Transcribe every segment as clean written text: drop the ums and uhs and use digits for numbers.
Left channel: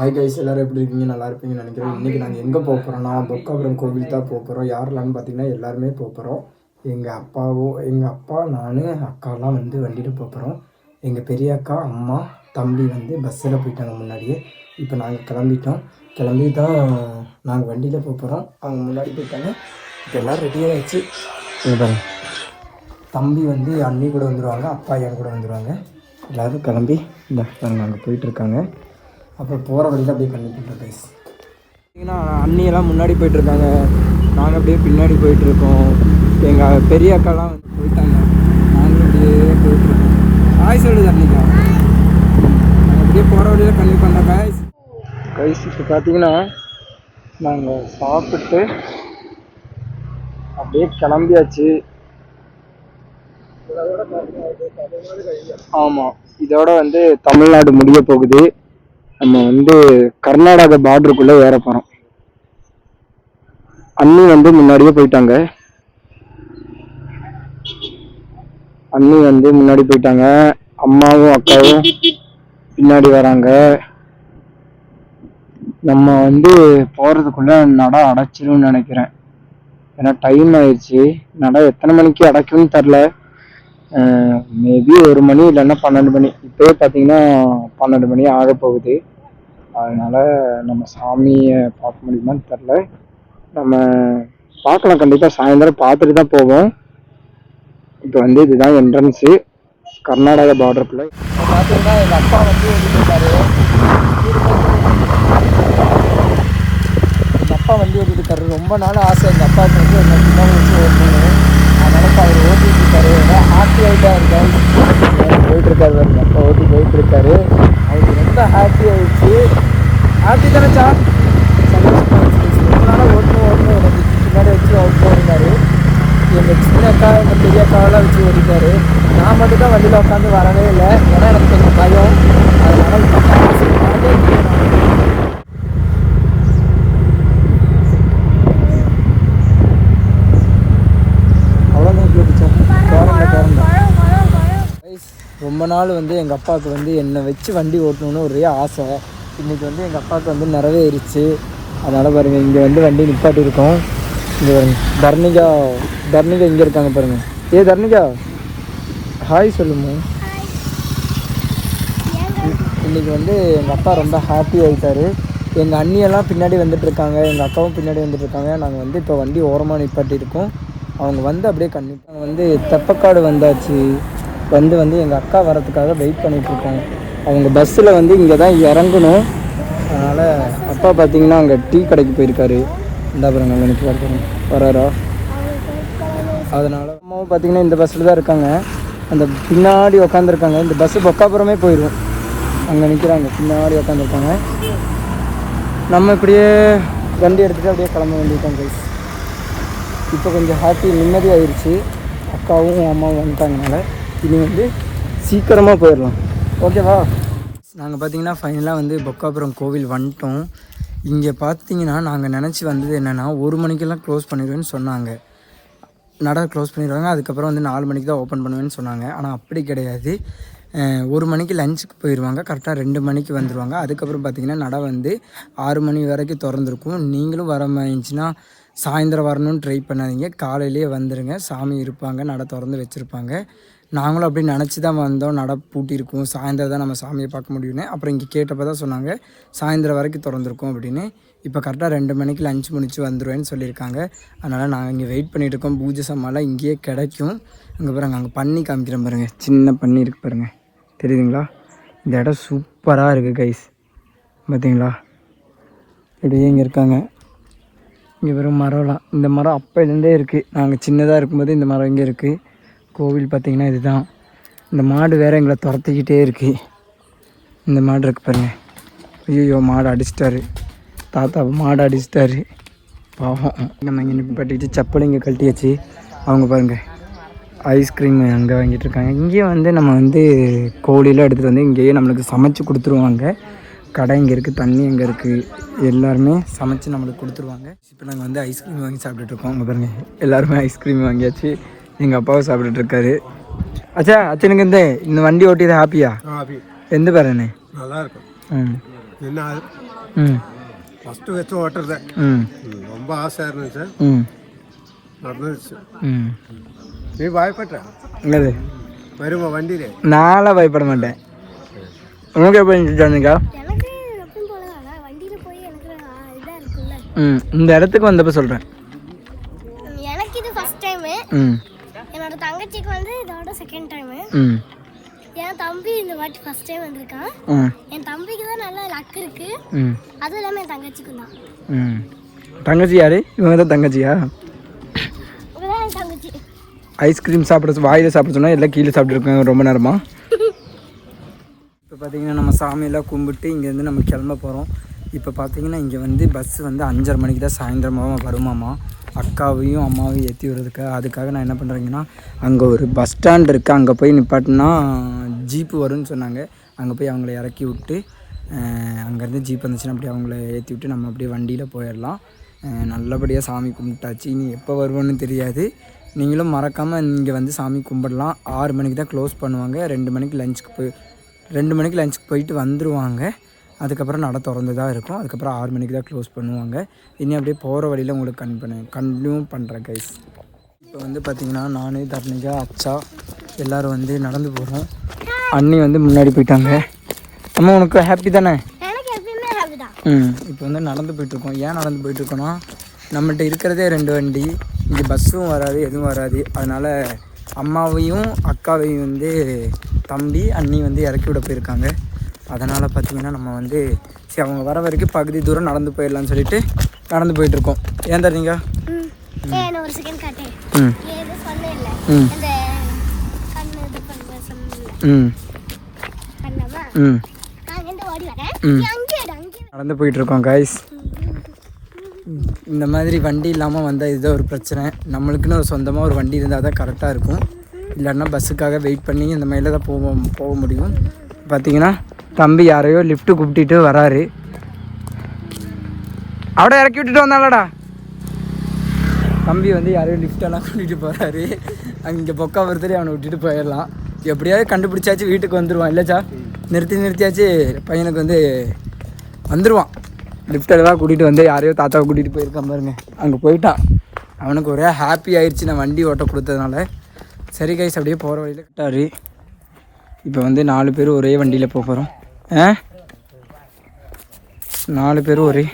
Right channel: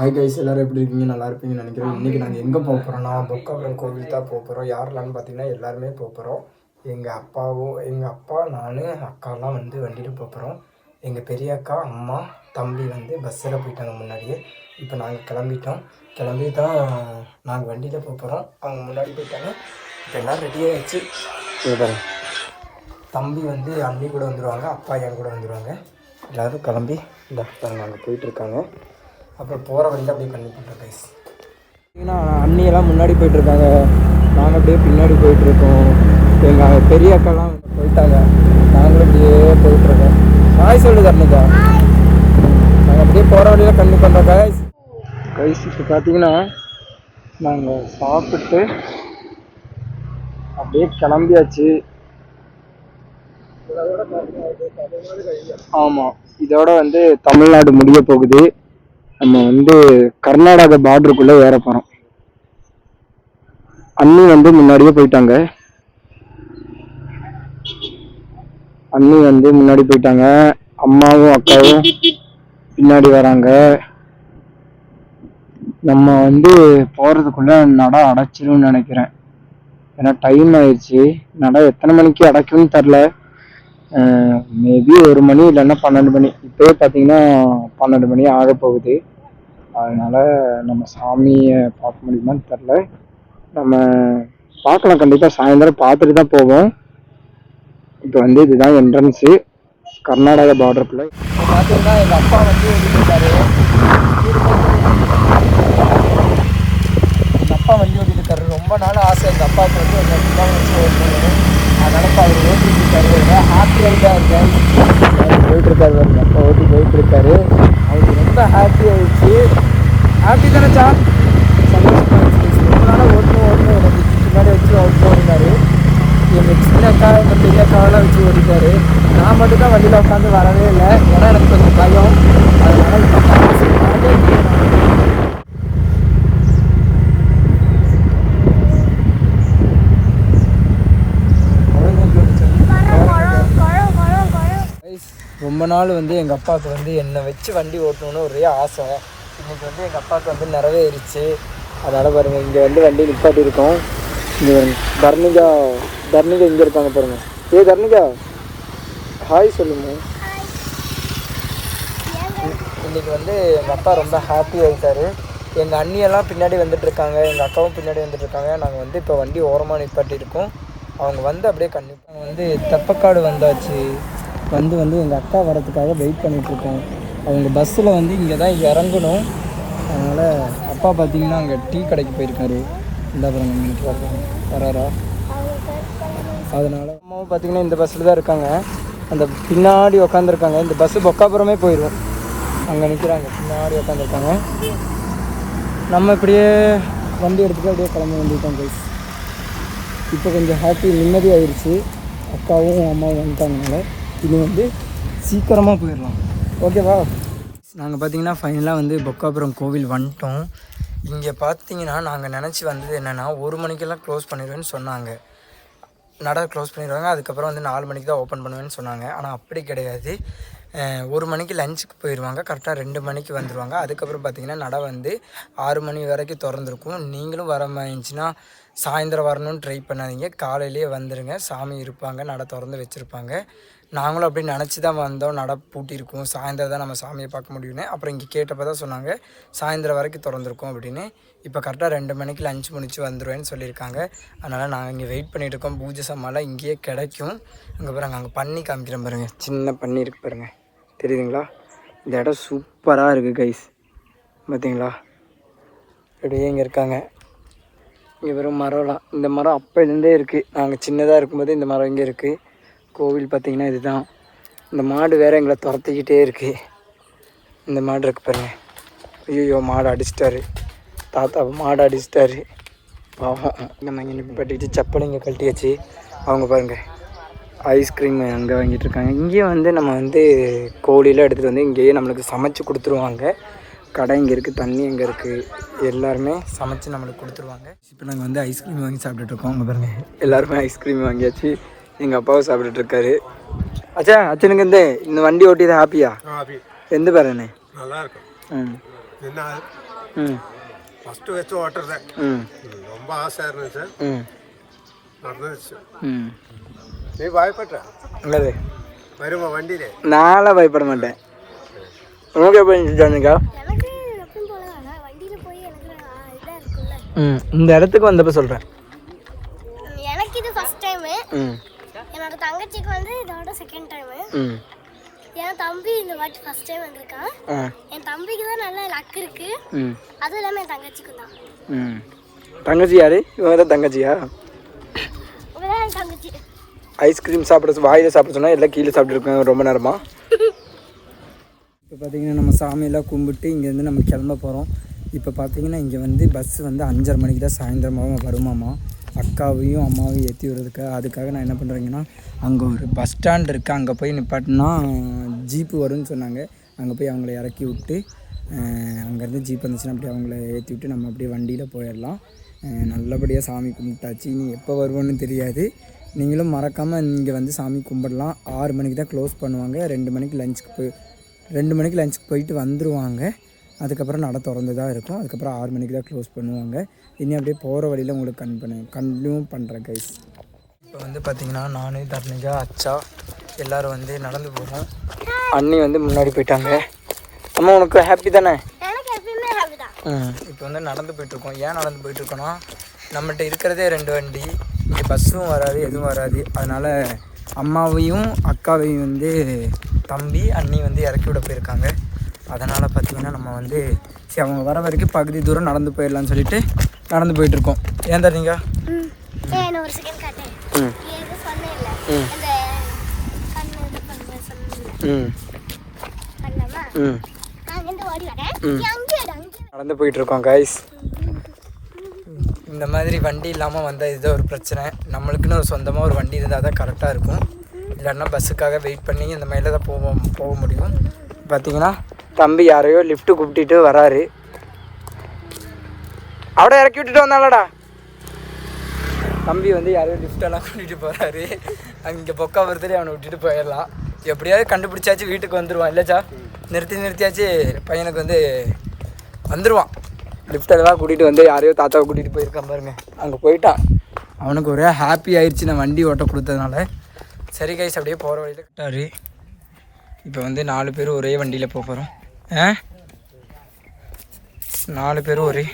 Hi guys, எல்லோரும் எப்படி இருக்கீங்க? நல்லா இருப்பீங்கன்னு நினைக்கிறேன். இன்றைக்கி நாங்கள் எங்கே போக போகிறோம்னா பொக்காபுரம் கோவில் தான் போக போகிறோம். யாரெல்லாம்னு பார்த்தீங்கன்னா எல்லாருமே போக போகிறோம். எங்கள் அப்பா, நான், அக்காலாம் வந்து வண்டியில் போக போகிறோம். எங்கள் பெரிய அக்கா, அம்மா, தம்பி வந்து பஸ்ஸில் போயிட்டாங்க முன்னாடியே. இப்போ நாங்கள் கிளம்பி தான் நாங்கள் வண்டியில் போக போகிறோம். அவங்க முன்னாடி போயிட்டாங்க. இப்போ எல்லோரும் ரெடியாக ஆகிடுச்சு. தம்பி வந்து அண்ணி கூட வந்துடுவாங்க, அப்பா என் கூட வந்துடுவாங்க. எல்லோரும் கிளம்பி நாங்கள் போயிட்டுருக்காங்க. அப்புறம் போகிற வழியில் அப்படியே பண்ணி போட்டோம் கைஸ். பார்த்தீங்கன்னா அண்ணியெல்லாம் முன்னாடி போயிட்டுருக்காங்க, நாங்கள் அப்படியே பின்னாடி போயிட்டுருக்கோம். எங்கள் பெரிய அக்காலாம் போயிட்டாங்க, நாங்களும் அப்படியே போயிட்டுருக்கோம். ஹாய் சொல்லுது அன்னைக்கா. நாங்கள் அப்படியே போகிற வழியில் கண்ணி பண்ணுறோம் கைஸ். இப்போ பார்த்தீங்கன்னா நாங்கள் சாப்பிட்டு அப்படியே கிளம்பியாச்சு. ஆமாம், இதோட வந்து தமிழ்நாடு முடிய போகுது. நம்ம வந்து கர்நாடகா பார்டருக்குள்ளே ஏற போகிறோம். அண்ணி வந்து முன்னாடியே போயிட்டாங்க. அம்மாவும் அக்காவும் பின்னாடி வராங்க. நம்ம வந்து போகிறதுக்குள்ளே நடை அடைச்சிரும்னு நினைக்கிறேன். ஏன்னா டைம் ஆயிடுச்சு. நடை எத்தனை மணிக்கு அடைக்கும்னு தெரில. மேபி 1 மணி இல்லைன்னா 12 மணி. இப்போயே பார்த்தீங்கன்னா 12 மணி ஆக போகுது. அதனால் நம்ம சாமியை பார்க்க முடியுமான்னு தெரில. நம்ம பார்க்கலாம், கண்டிப்பாக சாயந்தரம் பார்த்துட்டு தான் போவோம். இப்போ வந்து இதுதான் என்ட்ரன்ஸு கர்நாடகா பார்டருக்குள்ளே. இப்போ பார்த்தீங்கன்னா எங்கள் அப்பா வந்து ஓட்டிருக்காரு. ரொம்ப நாள் ஆசை எங்கள் அப்பாவுக்கு வந்து ஒரு 2 நாள் வச்சு ஓட்டிருக்காரு. அதனால் அவர் ஓட்டிருக்காரு. ஹாப்பி ஆகிட்டாருங்க. போயிட்டுருக்காரு, எங்கள் அப்பா போயிட்டுருக்காரு. அவருக்கு ரொம்ப ஹாப்பி ஆகிடுச்சு. ஹாப்பி தானேச்சா? ரொம்ப நாளாக ஓட்டணும் எனக்கு பின்னாடி வச்சு ஓட்டினாரு. எங்கள் சின்ன அக்கா, எங்கள் பெரிய அக்காவெல்லாம் வச்சு ஓடிட்டாரு. நான் மட்டும் தான் வண்டியில் உட்காந்து வரவே இல்லை. ஏன்னா எனக்கு கொஞ்சம் பயம். அதனால ரொம்ப நாள் வந்து எங்கள் அப்பாவுக்கு வந்து என்னை வச்சு வண்டி ஓட்டணுன்னு ஒரே ஆசை. இன்றைக்கி வந்து எங்கள் அப்பாவுக்கு வந்து நிறைவேறிச்சு. அதனால் பாருங்கள், இங்கே வந்து வண்டி நிப்பாட்டி இருக்கோம். இந்த தர்மிகா எங்கே இருக்காங்க பாருங்க. தர்மிகா ஹாய் சொல்லுங்க. இன்றைக்கி வந்து எங்கள் அப்பா ரொம்ப ஹாப்பி ஆகிட்டார். எங்கள் அண்ணியெல்லாம் பின்னாடி வந்துட்டுருக்காங்க, எங்கள் அக்காவும் பின்னாடி வந்துட்டுருக்காங்க. நாங்கள் வந்து இப்போ வண்டி ஓரமாக நிப்பாட்டியிருக்கோம். அவங்க வந்து அப்படியே நாங்கள் வந்து தெப்பக்காடு வந்தாச்சு. வந்து எங்கள் அக்கா வரத்துக்காக வெயிட் பண்ணிகிட்ருக்கோம். அவங்க பஸ்ஸில் வந்து இங்கே தான் இறங்கணும். அதனால் அப்பா பார்த்தீங்கன்னா அங்கே டீ கடைக்கு போயிருக்காரு. இந்த பாருங்க எனக்கு வராரா. அதனால் அம்மாவும் பார்த்தீங்கன்னா இந்த பஸ்ஸில் தான் இருக்காங்க. அந்த பின்னாடி உக்காந்துருக்காங்க. இந்த பஸ்ஸு பொக்காபுரமே போயிடும். அங்கே நிற்கிறாங்க, பின்னாடி உக்காந்துருக்காங்க. நம்ம இப்படியே வண்டி எடுத்துகிட்டு அப்படியே கிளம்ப வேண்டியிருக்கோம் கைஸ். இப்போ கொஞ்சம் ஹாப்பி நிம்மதியாகிடுச்சு. அக்காவும் அம்மாவும் வந்துட்டாங்கனால இனி வந்து சீக்கிரமாக போயிடலாம். ஓகேவா? நாங்கள் பார்த்தீங்கன்னா ஃபைனலாக வந்து பொக்காபுரம் கோவில் வந்துட்டோம். இங்கே பார்த்தீங்கன்னா நாங்கள் நினச்சி வந்தது என்னென்னா 1 மணிக்கெல்லாம் க்ளோஸ் பண்ணிடுவேன்னு சொன்னாங்க. நடை க்ளோஸ் பண்ணிடுவாங்க, அதுக்கப்புறம் வந்து 4 மணிக்கு தான் ஓப்பன் பண்ணுவேன்னு சொன்னாங்க. ஆனால் அப்படி கிடையாது. 1 மணிக்கு லஞ்சுக்கு போயிடுவாங்க, கரெக்டாக 2 மணிக்கு வந்துடுவாங்க. அதுக்கப்புறம் பார்த்திங்கன்னா நடை வந்து 6 மணி வரைக்கும் திறந்துருக்கும். நீங்களும் வர மாதிரிச்சுன்னா சாயந்தரம் வரணும்னு ட்ரை பண்ணாதீங்க, காலையிலேயே வந்துடுங்க. சாமி இருப்பாங்க, நடை திறந்து வச்சுருப்பாங்க. நாங்களும் அப்படி நினச்சி தான் வந்தோம். நடை பூட்டியிருக்கும், சாயந்தரம் தான் நம்ம சாமியை பார்க்க முடியும்னு. அப்புறம் இங்கே கேட்டப்போ தான் சொன்னாங்க சாயந்தரம் வரைக்கும் திறந்துருக்கும் அப்படின்னு. இப்போ கரெக்டாக 2 மணிக்கு லஞ்ச் முடிச்சு வந்துடுவேன்னு சொல்லியிருக்காங்க. அதனால் நாங்கள் இங்கே வெயிட் பண்ணிகிட்ருக்கோம். பூஜை சாமான்லாம் இங்கேயே கிடைக்கும். அங்கே பாருங்க, அங்கே பண்ணி காமிக்கிறேன் பாருங்கள், சின்ன பண்ணி இருக்கு பாருங்கள், தெரியுதுங்களா? இந்த இடம் சூப்பராக இருக்குது கைஸ். பார்த்தீங்களா? இப்படியே இங்கே இருக்காங்க. இங்கே வரும் மரம்லாம், இந்த மரம் அப்போ இருந்தே இருக்குது. நாங்கள் சின்னதாக இருக்கும்போது இந்த மரம் இங்கே இருக்குது. கோவில் பார்த்திங்கன்னா இதுதான். இந்த மாடு வேறு எங்களை துரத்திக்கிட்டே இருக்குது. இந்த மாடு இருக்கு பாருங்கள். ஐயோ, மாடு அடிச்சிட்டாரு தாத்தா, மாடு அடிச்சிட்டாரு பாவம். நம்ம இங்கே நிப்பாட்டிட்டு செப்பல் இங்கே கழட்டியாச்சு. அவங்க பாருங்கள் ஐஸ்கிரீம் வந்து வாங்கிட்டு இருக்காங்க. இங்கேயே வந்து நம்ம வந்து கோழியெல்லாம் எடுத்துகிட்டு வந்து இங்கேயே நம்மளுக்கு சமைச்சு கொடுத்துருவாங்க. கடை இங்கே இருக்குது, தண்ணி இங்கே இருக்குது, எல்லாருமே சமைச்சு நம்மளுக்கு கொடுத்துருவாங்க. இப்போ நாங்கள் வந்து ஐஸ்கிரீம் வாங்கி சாப்பிட்டுட்ருக்கோம். அங்கே பாருங்கள், எல்லாருமே ஐஸ்கிரீம் வாங்கியாச்சு. எங்கள் அப்பாவும் சாப்பிட்டுட்டு இருக்காரு. இந்த வண்டி ஓட்டியது ஹாப்பியா? எந்த பேர்? நல்லா இருக்கும். என்ன ஃபஸ்ட்டு வச்சு ஓட்டுறது ரொம்ப ஆசையாக இருந்துச்சு நடந்துச்சு. நீ பயப்பட்ட வருமா வண்டியில? நானும் பயப்பட மாட்டேன். உங்களுக்கு எப்படி இருந்துச்சுங்க? இந்த இடத்துக்கு வந்தப்ப சொல்றேன். எனக்கு இது ஃபர்ஸ்ட் டைம். என்னோட தங்கச்சிக்கு வந்து இதோட செகண்ட் டைம். என் தம்பி இந்த வாட்டி ஃபர்ஸ்ட் டைம் வந்திருக்கான். என் தம்பிக்கு தான் நல்ல லக் இருக்கு. அதுவும் இல்லாம என் தங்கச்சிக்கு தான். தங்கச்சி யாரு? இவங்க தான் தங்கச்சியா? இவன் தங்கச்சி. ஐஸ்கிரீம் சாப்பிட வாயில சாப்பிட சொன்னா எல்லாம் கீழே சாப்பிட்டுருக்கோம் ரொம்ப நேரமா. இப்போ பார்த்தீங்கன்னா நம்ம சாமியெல்லாம் கும்பிட்டு இங்கேருந்து நம்ம கிளம்ப போகிறோம். இப்போ பார்த்தீங்கன்னா இங்கே வந்து பஸ் வந்து 5:30 மணிக்கு தான் சாயந்தரமாக வருமாமா. அக்காவையும் அம்மாவையும் ஏற்றி விடுறதுக்கு. அதுக்காக நான் என்ன பண்ணுறேங்கன்னா அங்கே ஒரு பஸ் ஸ்டாண்ட் இருக்குது, அங்கே போய் நிப்பாட்டினா ஜீப்பு வரும்னு சொன்னாங்க. அங்கே போய் அவங்கள இறக்கி விட்டு அங்கேருந்து ஜீப் வந்துச்சுன்னா அப்படியே அவங்கள ஏற்றி விட்டு நம்ம அப்படியே வண்டியில் போயிடலாம். நல்லபடியாக சாமி கும்பிட்டாச்சு. இனி எப்போ வருவோன்னு தெரியாது. நீங்களும் மறக்காமல் இங்கே வந்து சாமி கும்பிடலாம். 6 மணிக்கு தான் க்ளோஸ் பண்ணுவாங்க. 2 மணிக்கு லஞ்சுக்கு போயிட்டு வந்துடுவாங்க. அதுக்கப்புறம் நட திறந்து தான் இருக்கும். அதுக்கப்புறம் 6 மணிக்கு தான் க்ளோஸ் பண்ணுவாங்க. இனி அப்படியே போகிற வழியில் உங்களுக்கு கண்டினியூ பண்ணுறேன் கைஸ். இப்போ வந்து பார்த்திங்கன்னா நான் தர்ணிகா அச்சா எல்லோரும் வந்து நடந்து போகிறோம். அண்ணி வந்து முன்னாடி போயிட்டாங்க. அம்மா உனக்கு ஹாப்பி தானே? இப்போ வந்து நடந்து போயிட்டுருக்கோம். ஏன் நடந்து போயிட்டுருக்கோன்னா நம்மள்கிட்ட இருக்கிறதே 2 வண்டி. இங்கே பஸ்ஸும் வராது, எதுவும் வராது. அதனால் அம்மாவையும் அக்காவையும் வந்து தம்பி அண்ணி வந்து இறக்கி விட போயிருக்காங்க. அதனால் பார்த்திங்கன்னா நம்ம வந்து சரி அவங்க வர வரைக்கும் பகுதி தூரம் நடந்து போயிடலான்னு சொல்லிட்டு நடந்து போயிட்டுருக்கோம். ஏன் தரீங்க? நடந்து போயிட்டுருக்கோம் காய்ஸ். இந்த மாதிரி வண்டி இல்லாமல் வந்தால் இதுதான் ஒரு பிரச்சனை. நம்மளுக்குன்னு ஒரு சொந்தமாக ஒரு வண்டி இருந்தால் தான் கரெக்டாக இருக்கும். இல்லைன்னா பஸ்ஸுக்காக வெயிட் பண்ணி இந்த மாதிரில தான் போக முடியும். பார்த்தீங்கன்னா தம்பி யாரையோ லிஃப்ட்டு கூப்பிட்டு வராரு. அவட இறக்கி விட்டுட்டு வந்தாலடா. தம்பி வந்து யாரையோ லிஃப்டெல்லாம் கூட்டிகிட்டு போகிறாரு. அங்கே பொக்கா ஒருத்தர் அவனை விட்டுட்டு போயிடலாம். எப்படியாவது கண்டுபிடிச்சாச்சு வீட்டுக்கு வந்துடுவான். இல்லைச்சா நிறுத்தியாச்சு பையனுக்கு வந்து வந்துடுவான். லிஃப்டெல்லாம் கூட்டிகிட்டு வந்து யாரையோ தாத்தாவை கூட்டிகிட்டு போயிருக்கான் பாருங்க. அங்கே போயிட்டான். அவனுக்கு ஒரே ஹாப்பி ஆயிடுச்சு நான் வண்டி ஓட்ட கொடுத்ததுனால. சரி கைஸ் அப்படியே போகிற வழியில் கிட்டாரு. இப்போ வந்து 4 பேர் ஒரே வண்டியில் போக போகிறோம். 4 பேரும் ஒரே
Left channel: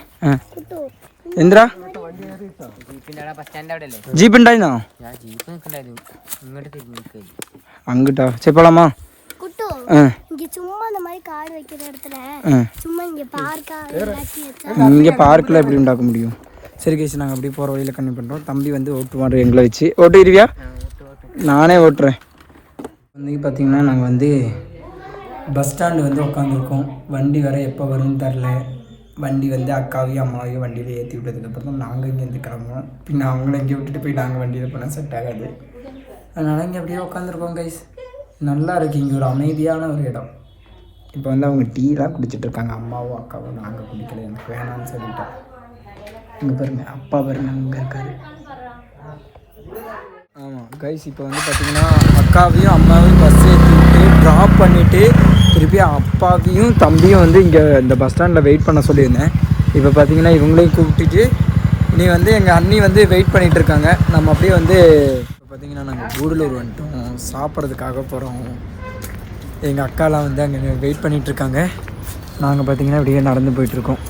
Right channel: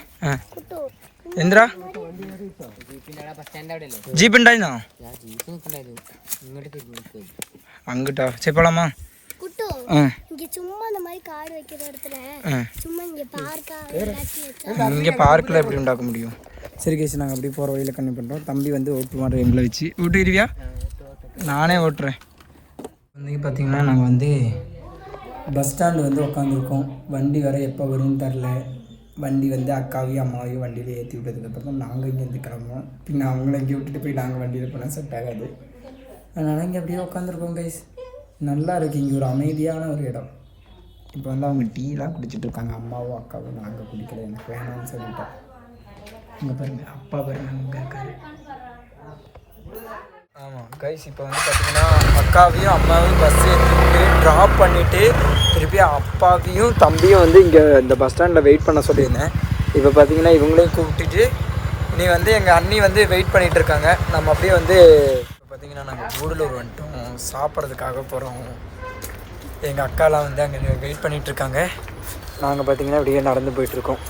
എന്തിനാ ജീപ്പ് ഉണ്ടായിരുന്നോ? അങ്ങോട്ടാ ചെപ്പോളാമാ இங்கே பார்க்கில் எப்படி உண்டாக்க முடியும்? சரி கேஸ் நாங்கள் அப்படியே போகிற வழியில் கம்மி பண்ணுறோம். தம்பி வந்து ஓட்டுவார் எங்களை வச்சு. ஓட்டுவியா? நானே ஓட்டுறேன். வந்து பார்த்திங்கன்னா நாங்கள் வந்து பஸ் ஸ்டாண்டு வந்து உட்காந்துருக்கோம். வண்டி வர எப்போ வரும்னு தெரில. வண்டி வந்து அக்காவையும் அம்மாவையும் வண்டியில் ஏற்றி விட்டதுக்கப்புறம் தான் நாங்கள் இங்கேருந்து கிளம்புவோம். பின்ன அவங்கள இங்கே விட்டுட்டு போய் நாங்கள் வண்டியில் போனால் செட் ஆகாது. அதனால் இங்கே அப்படியே உட்காந்துருக்கோம் கைஸ். நல்லா இருக்குது. இங்கே ஒரு அமைதியான ஒரு இடம். இப்போ வந்து அவங்க டீலாம் குடிச்சிட்ருக்காங்க. அம்மாவும் அக்காவும். நாங்கள் குடிக்கல, எனக்கு வேணான்னு சொல்லிட்டோம். இங்கே பாருங்க அப்பா பாருங்க அங்கே இருக்காரு. ஆமாம் கைஸ் இப்போ வந்து பார்த்திங்கன்னா அக்காவையும் அம்மாவையும் பஸ் ஏற்றி விட்டு ட்ராப் பண்ணிவிட்டு திருப்பி அப்பாவையும் தம்பியும் வந்து இங்கே இந்த பஸ் ஸ்டாண்டில் வெயிட் பண்ண சொல்லியிருந்தேன். இப்போ பார்த்திங்கன்னா இவங்களையும் கூப்பிட்டுட்டு நீ வந்து எங்கள் அண்ணி வந்து வெயிட் பண்ணிகிட்டு இருக்காங்க. நம்ம அப்படியே வந்து இப்போ பார்த்திங்கன்னா நாங்கள் கூடலூர் வந்துட்டோம். சாப்பிட்றதுக்காக போகிறோம். எங்கள் அக்காலாம் வந்து அங்கே வெயிட் பண்ணிகிட்ருக்காங்க. நாங்கள் பார்த்திங்கன்னா அப்படியே நடந்து போயிட்டுருக்கோம்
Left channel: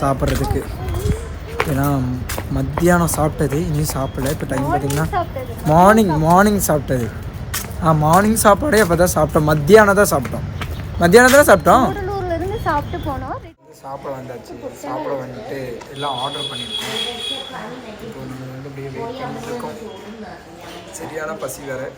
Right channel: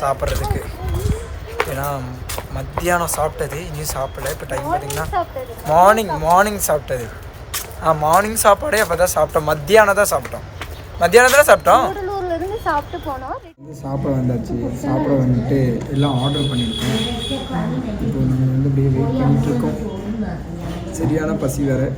சாப்பிட்றதுக்கு. ஏன்னா மத்தியானம் சாப்பிட்டது இனியும் சாப்பிடல. இப்போ டைம் பார்த்திங்கன்னா மார்னிங் சாப்பிட்டது. மார்னிங் சாப்பாடே அப்போ தான் சாப்பிட்டோம். மத்தியானம் தான் சாப்பிட்டோம். சாப்பிட வந்தாச்சு. சாப்பிட வந்துட்டு எல்லாம் ஆர்டர் பண்ணியிருக்கோம். இப்போ நம்ம வந்து அப்படியே வெயிட் பண்ணிகிட்ருக்கோம். சரியான பசி வேறு.